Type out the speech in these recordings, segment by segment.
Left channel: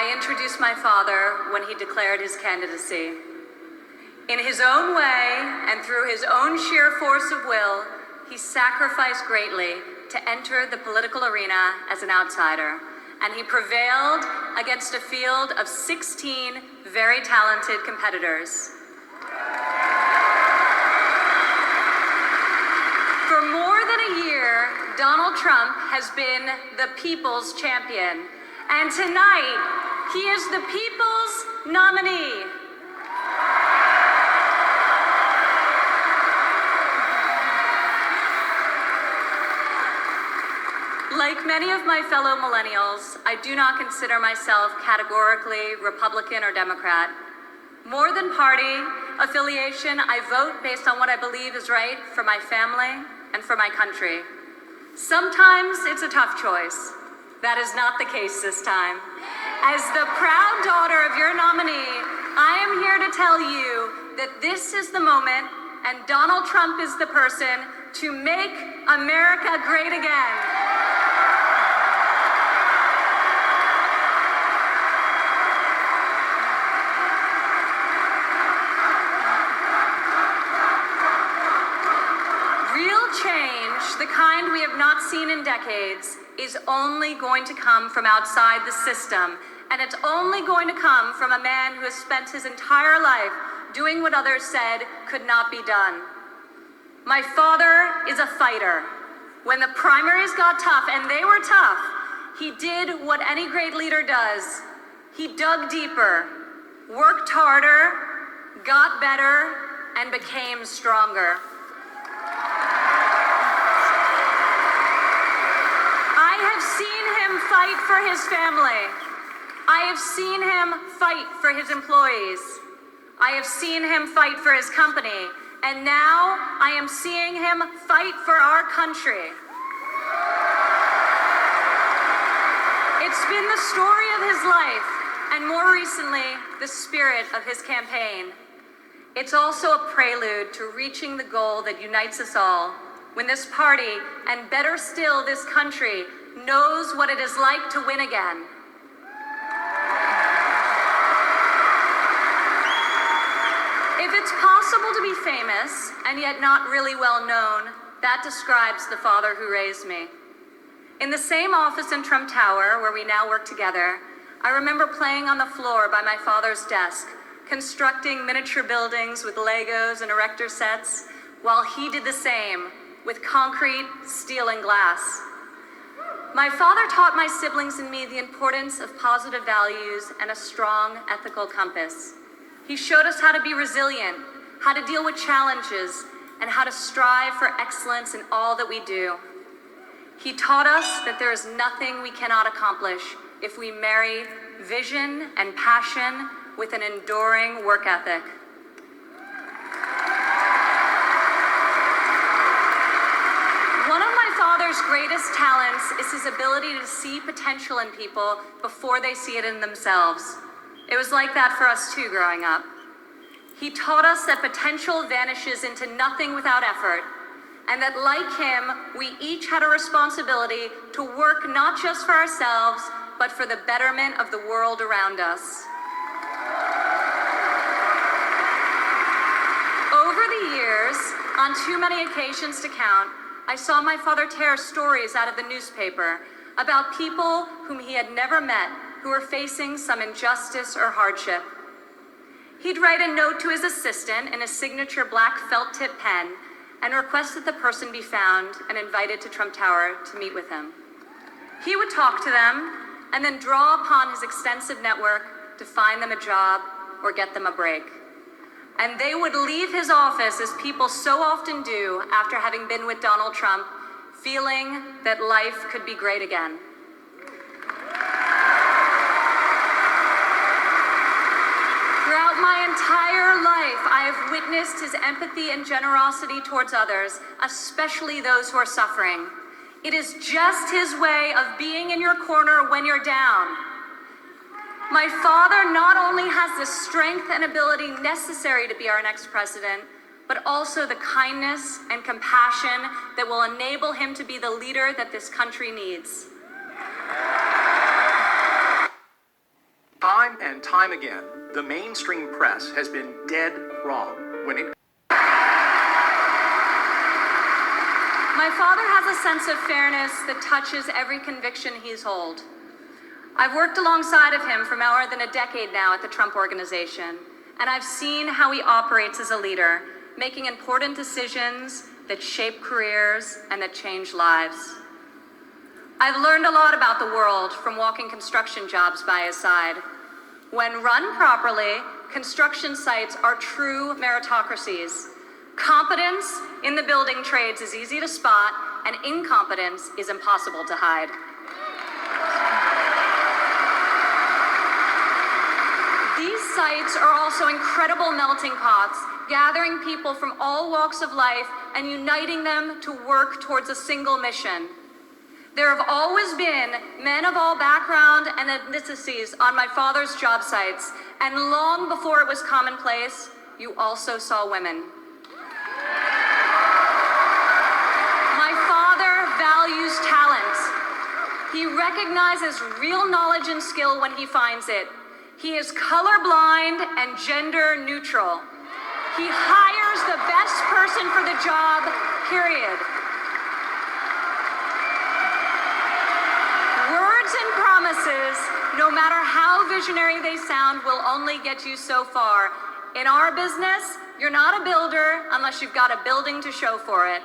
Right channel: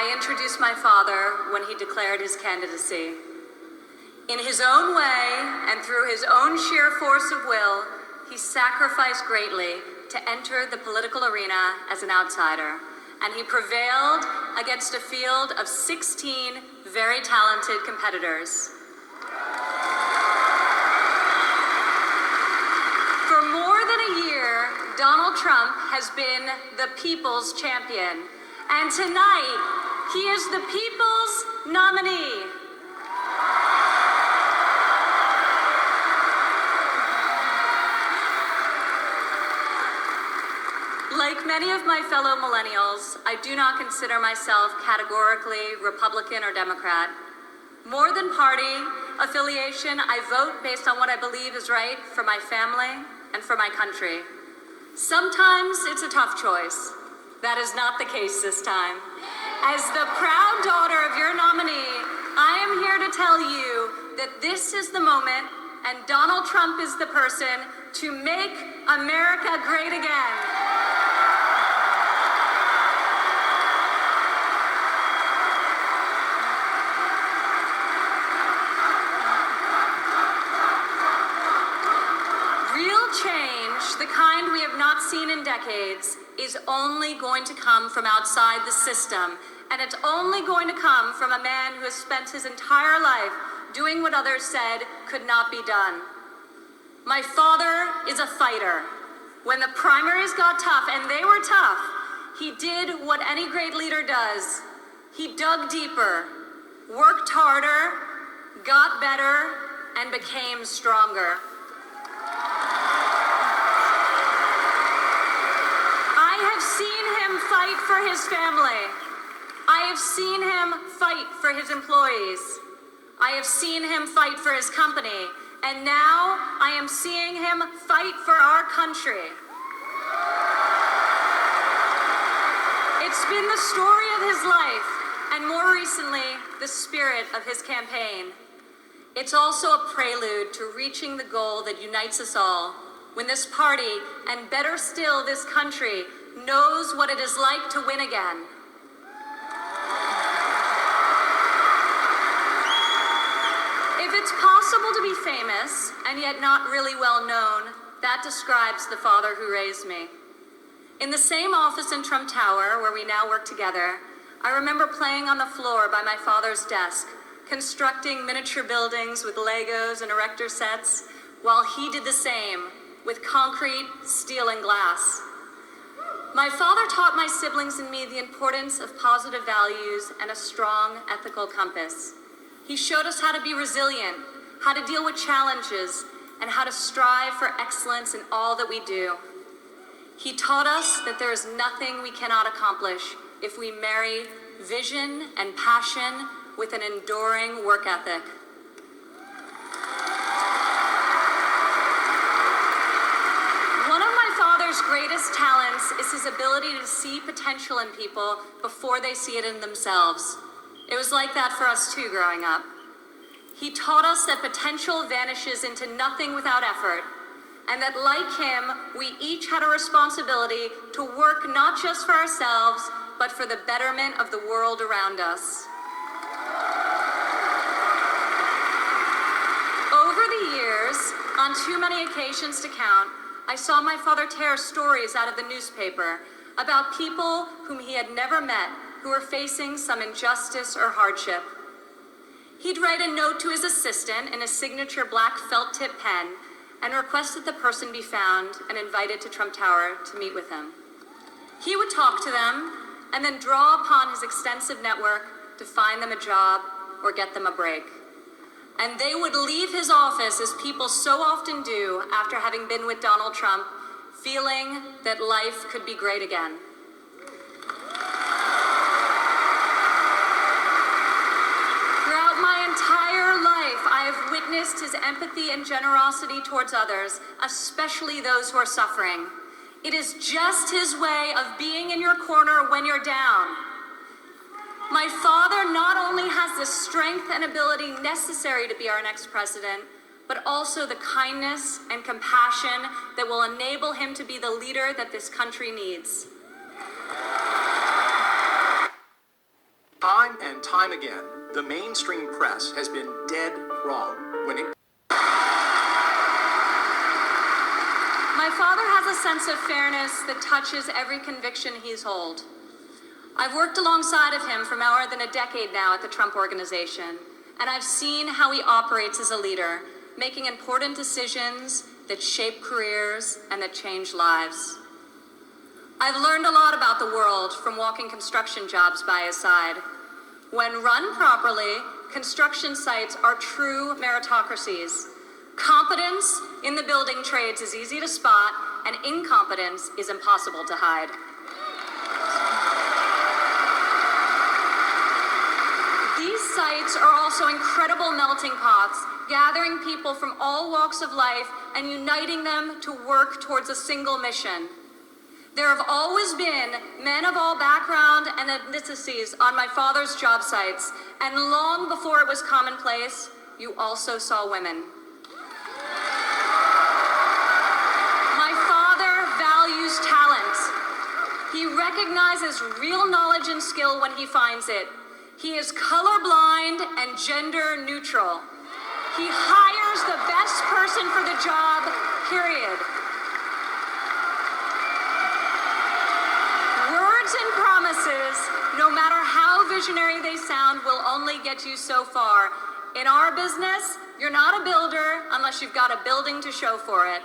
I introduced my father when he declared his candidacy. In his own way and through his own sheer force of will, he sacrificed greatly to enter the political arena as an outsider, and he prevailed against a field of 16 very talented competitors. For more than a year, Donald Trump has been the people's champion, and tonight, he is the people's nominee. Like many of my fellow millennials, I do not consider myself categorically Republican or Democrat. More than party affiliation, I vote based on what I believe is right for my family and for my country. Sometimes it's a tough choice. That is not the case this time. As the proud daughter of your nominee, I am here to tell you that this is the moment, and Donald Trump is the person to make America great again. The kind we have not seen in decades is only going to come from outside the system, and it's only going to come from a man who has spent his entire life doing what others said could not be done. My father is a fighter. When the primaries got tough, and they were tough, he did what any great leader does. He dug deeper, worked harder, got better, and became stronger. I have seen him fight for his family. I have seen him fight for his employees. I have seen him fight for his company. And now I am seeing him fight for our country. It's been the story of his life, and more recently, the spirit of his campaign. It's also a prelude to reaching the goal that unites us all, when this party, and better still this country, knows what it is like to win again. If it's possible to be famous and yet not really well known, that describes the father who raised me. In the same office in Trump Tower, where we now work together, I remember playing on the floor by my father's desk, constructing miniature buildings with Legos and erector sets, while he did the same with concrete, steel, and glass. My father taught my siblings and me the importance of positive values and a strong ethical compass. He showed us how to be resilient, how to deal with challenges, and how to strive for excellence in all that we do. He taught us that there is nothing we cannot accomplish if we marry vision and passion with an enduring work ethic. Father's greatest talents is his ability to see potential in people before they see it in themselves. It was like that for us too growing up. He taught us that potential vanishes into nothing without effort, and that like him, we each had a responsibility to work not just for ourselves, but for the betterment of the world around us. Over the years, on too many occasions to count, I saw my father tear stories out of the newspaper about people whom he had never met who were facing some injustice or hardship. He'd write a note to his assistant in a signature black felt tip pen and request that the person be found and invited to Trump Tower to meet with him. He would talk to them and then draw upon his extensive network to find them a job or get them a break. And they would leave his office, as people so often do after having been with Donald Trump, feeling that life could be great again. Throughout my entire life, I have witnessed his empathy and generosity towards others, especially those who are suffering. It is just his way of being in your corner when you're down. My father not only has the strength and ability necessary to be our next president, but also the kindness and compassion that will enable him to be the leader that this country needs. Time and time again, the mainstream press has been dead wrong when it... My father has a sense of fairness that touches every conviction he's held. I've worked alongside of him for more than a decade now at the Trump Organization, and I've seen how he operates as a leader, making important decisions that shape careers and that change lives. I've learned a lot about the world from walking construction jobs by his side. When run properly, construction sites are true meritocracies. Competence in the building trades is easy to spot, and incompetence is impossible to hide. These sites are also incredible melting pots, gathering people from all walks of life and uniting them to work towards a single mission. There have always been men of all background and ethnicities on my father's job sites, and long before it was commonplace, you also saw women. My father values talent. He recognizes real knowledge and skill when he finds it. He is colorblind and gender neutral. He hires the best person for the job, period. Words and promises, no matter how visionary they sound, will only get you so far. In our business, you're not a builder unless you've got a building to show for it.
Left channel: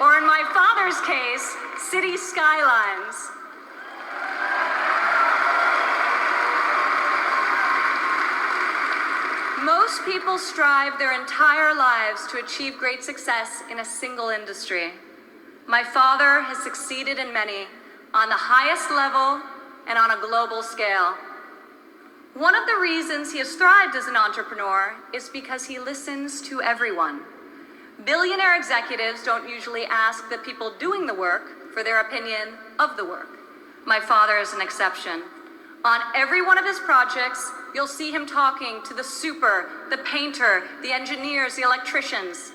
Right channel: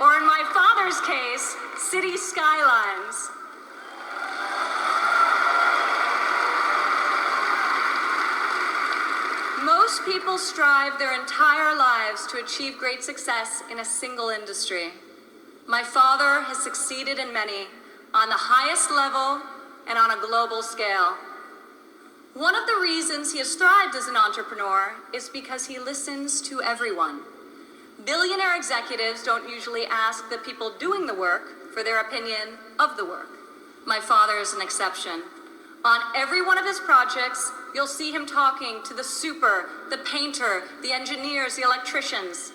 Or in my father's case, city skylines. Most people strive their entire lives to achieve great success in a single industry. My father has succeeded in many, on the highest level and on a global scale. One of the reasons he has thrived as an entrepreneur is because he listens to everyone. Billionaire executives don't usually ask the people doing the work for their opinion of the work. My father is an exception. On every one of his projects, you'll see him talking to the super, the painter, the engineers, the electricians.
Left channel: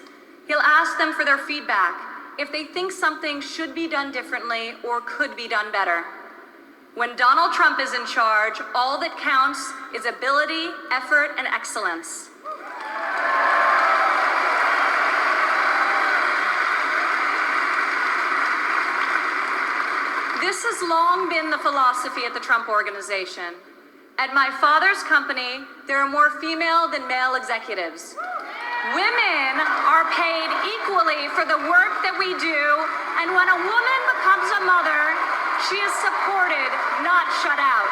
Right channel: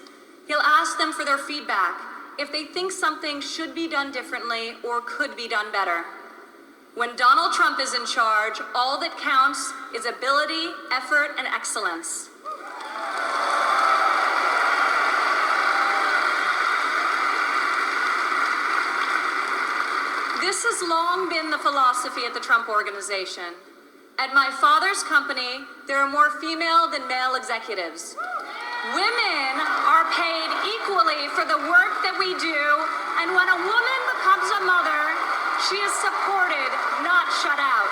He'll ask them for their feedback, if they think something should be done differently or could be done better. When Donald Trump is in charge, all that counts is ability, effort, and excellence. This has long been the philosophy at the Trump Organization. At my father's company, there are more female than male executives. Women are paid equally for the work that we do, and when a woman becomes a mother, she is supported, not shut out.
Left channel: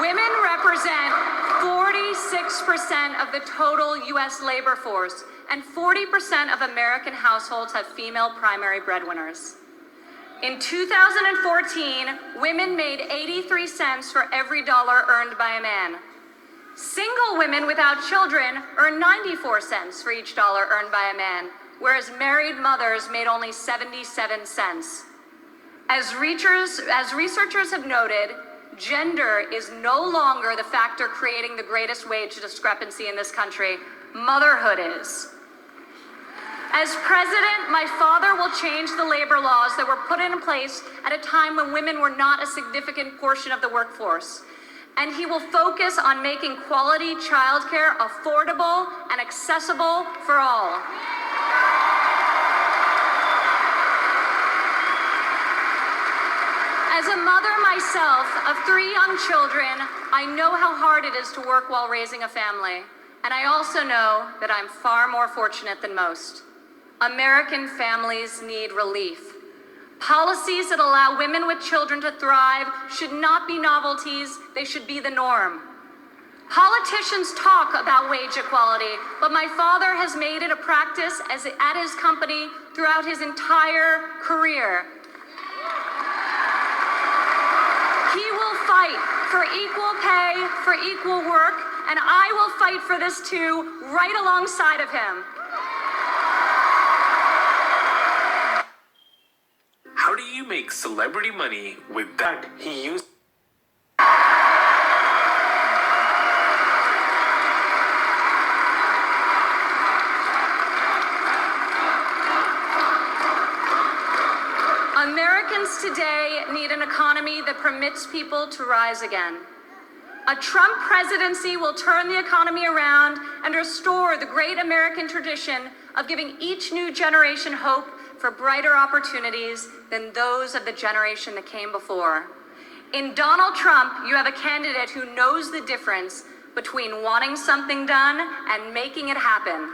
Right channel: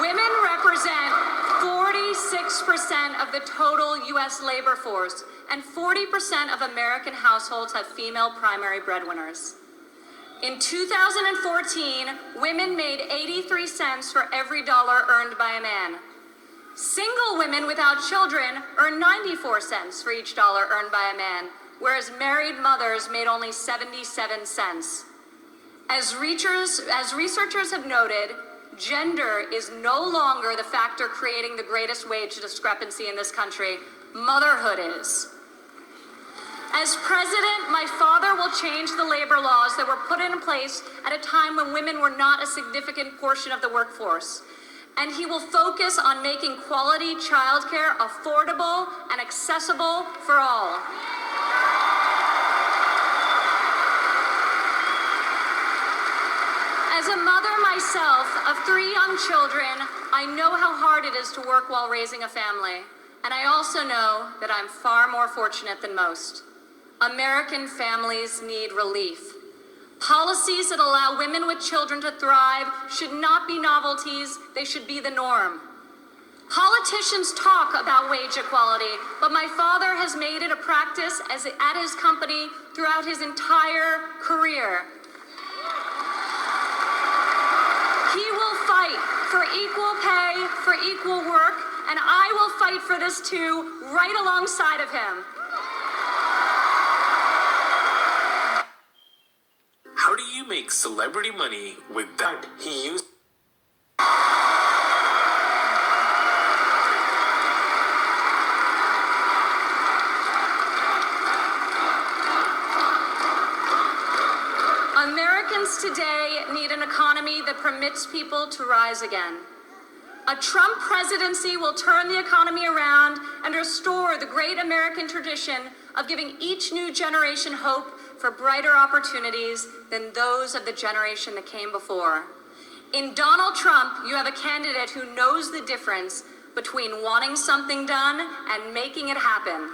Women represent 46% of the total U.S. labor force, and 40% of American households have female primary breadwinners. In 2014, women made 83 cents for every dollar earned by a man. Single women without children earn 94 cents for each dollar earned by a man, whereas married mothers made only 77 cents. As researchers have noted, gender is no longer the factor creating the greatest wage discrepancy in this country. Motherhood is. As president, my father will change the labor laws that were put in place at a time when women were not a significant portion of the workforce. And he will focus on making quality childcare affordable and accessible for all. As a mother myself of 3 young children, I know how hard it is to work while raising a family. And I also know that I'm far more fortunate than most. American families need relief. Policies that allow women with children to thrive should not be novelties, they should be the norm. Politicians talk about wage equality, but my father has made it a practice at his company throughout his entire career. He will fight for equal pay, for equal work, and I will fight for this too, right alongside of him. How do you make celebrity money with that he used? permits people to rise again. A Trump presidency will turn the economy around and restore the great American tradition of giving each new generation hope for brighter opportunities than those of the generation that came before. In Donald Trump, you have a candidate who knows the difference between wanting something done and making it happen.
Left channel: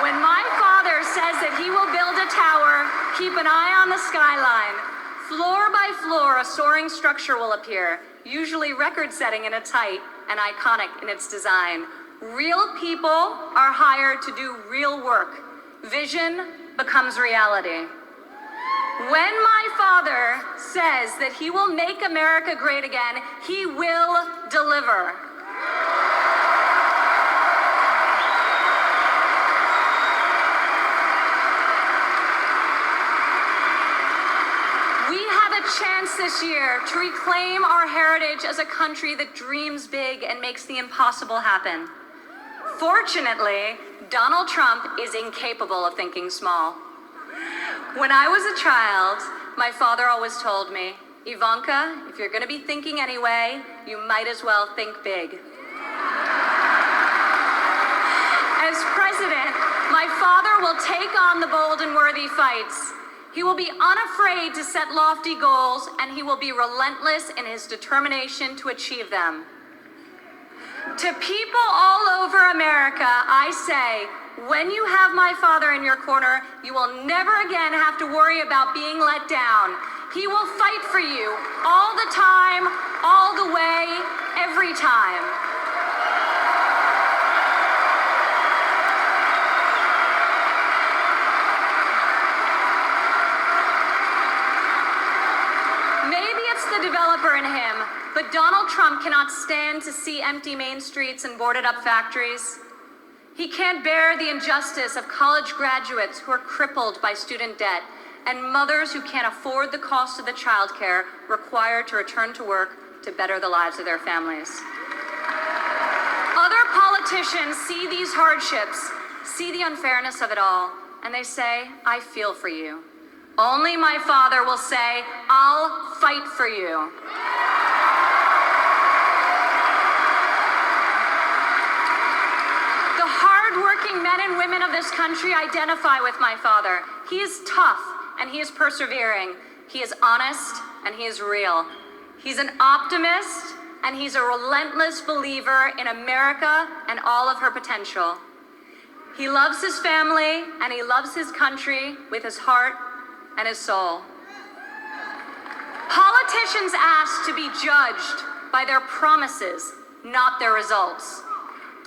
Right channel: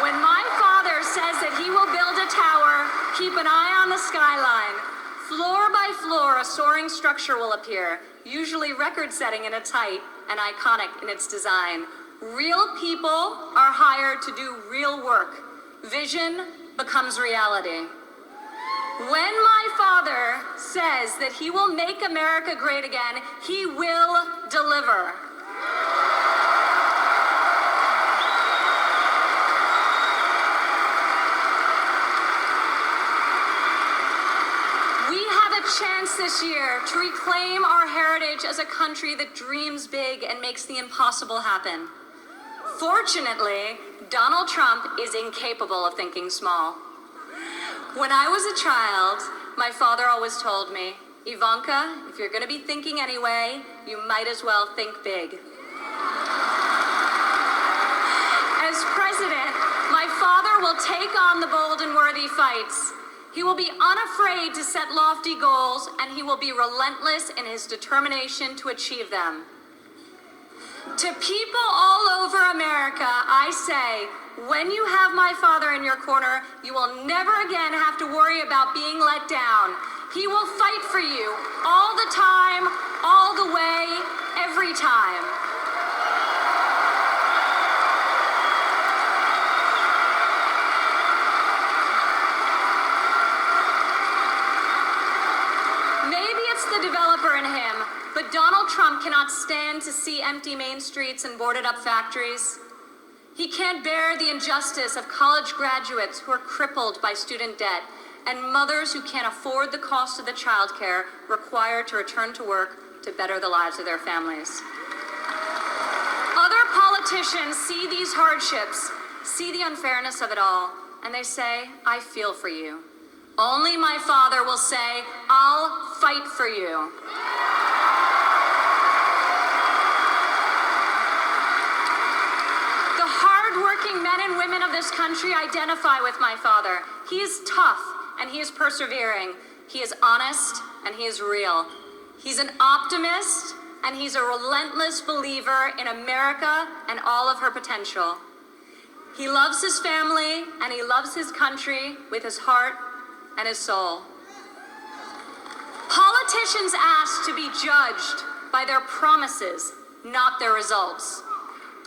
When my father says that he will build a tower, keep an eye on the skyline. Floor by floor, a soaring structure will appear, usually record-setting in its height and iconic in its design. Real people are hired to do real work. Vision becomes reality. When my father says that he will make America great again, he will deliver. We have a chance this year to reclaim our heritage as a country that dreams big and makes the impossible happen. Fortunately, Donald Trump is incapable of thinking small. When I was a child, my father always told me, Ivanka, if you're going to be thinking anyway, you might as well think big. As president, my father will take on the bold and worthy fights. He will be unafraid to set lofty goals, and he will be relentless in his determination to achieve them. To people all over America, I say, when you have my father in your corner, you will never again have to worry about being let down. He will fight for you all the time, all the way, every time. Maybe it's the developer in him, but Donald Trump cannot stand to see empty main streets and boarded up factories. He can't bear the injustice of college graduates who are crippled by student debt and mothers who can't afford the cost of the childcare required to return to work to better the lives of their families. Other politicians see these hardships, see the unfairness of it all, and they say, I feel for you. Only my father will say, I'll fight for you. Hardworking men and women of this country identify with my father. He is tough and he is persevering. He is honest and he is real. He's an optimist and he's a relentless believer in America and all of her potential. He loves his family and he loves his country with his heart and his soul. Politicians ask to be judged by their promises, not their results.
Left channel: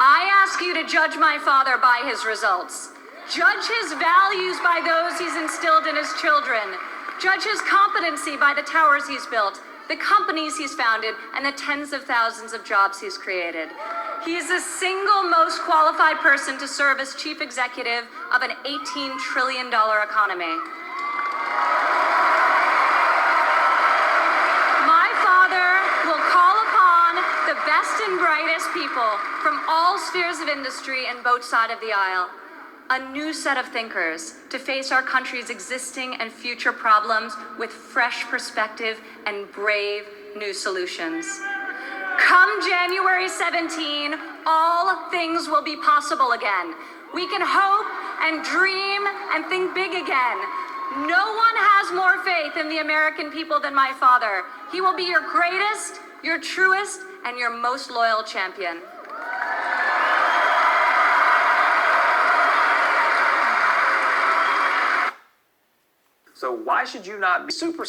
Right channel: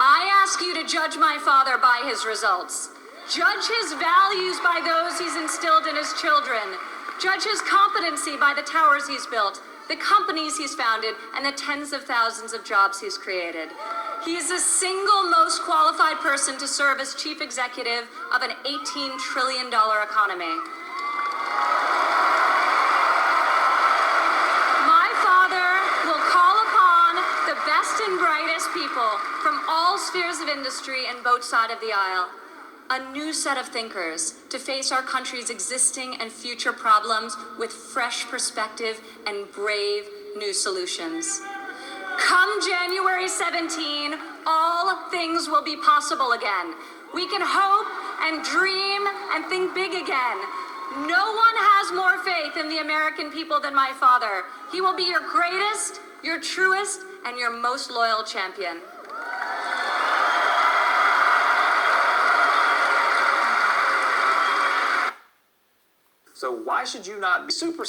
I ask you to judge my father by his results. Judge his values by those he's instilled in his children. Judge his competency by the towers he's built, the companies he's founded, and the tens of thousands of jobs he's created. He is the single most qualified person to serve as chief executive of an $18 trillion economy. And brightest people from all spheres of industry and both sides of the aisle. A new set of thinkers to face our country's existing and future problems with fresh perspective and brave new solutions. Come January 17, all things will be possible again. We can hope and dream and think big again. No one has more faith in the American people than my father. He will be your greatest, your truest, and your most loyal champion. So why should you not be super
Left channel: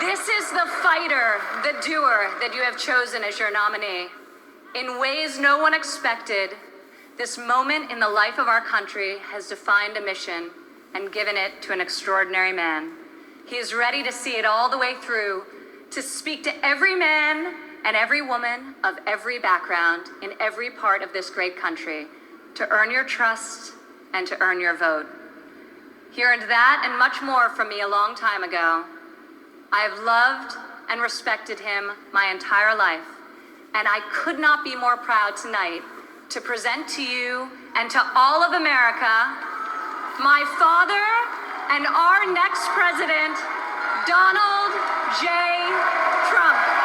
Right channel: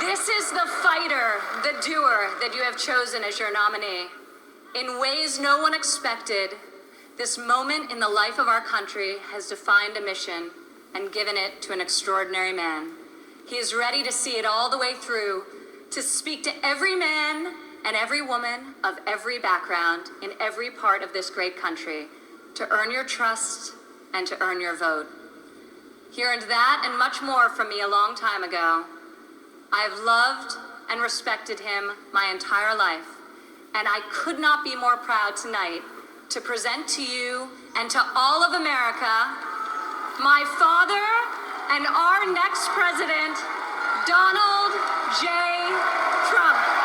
This is the fighter, the doer that you have chosen as your nominee. In ways no one expected, this moment in the life of our country has defined a mission and given it to an extraordinary man. He is ready to see it all the way through, to speak to every man and every woman of every background in every part of this great country, to earn your trust and to earn your vote. He earned that and much more from me a long time ago. I have loved and respected him my entire life, and I could not be more proud tonight to present to you and to all of America my father and our next president, Donald J. Trump.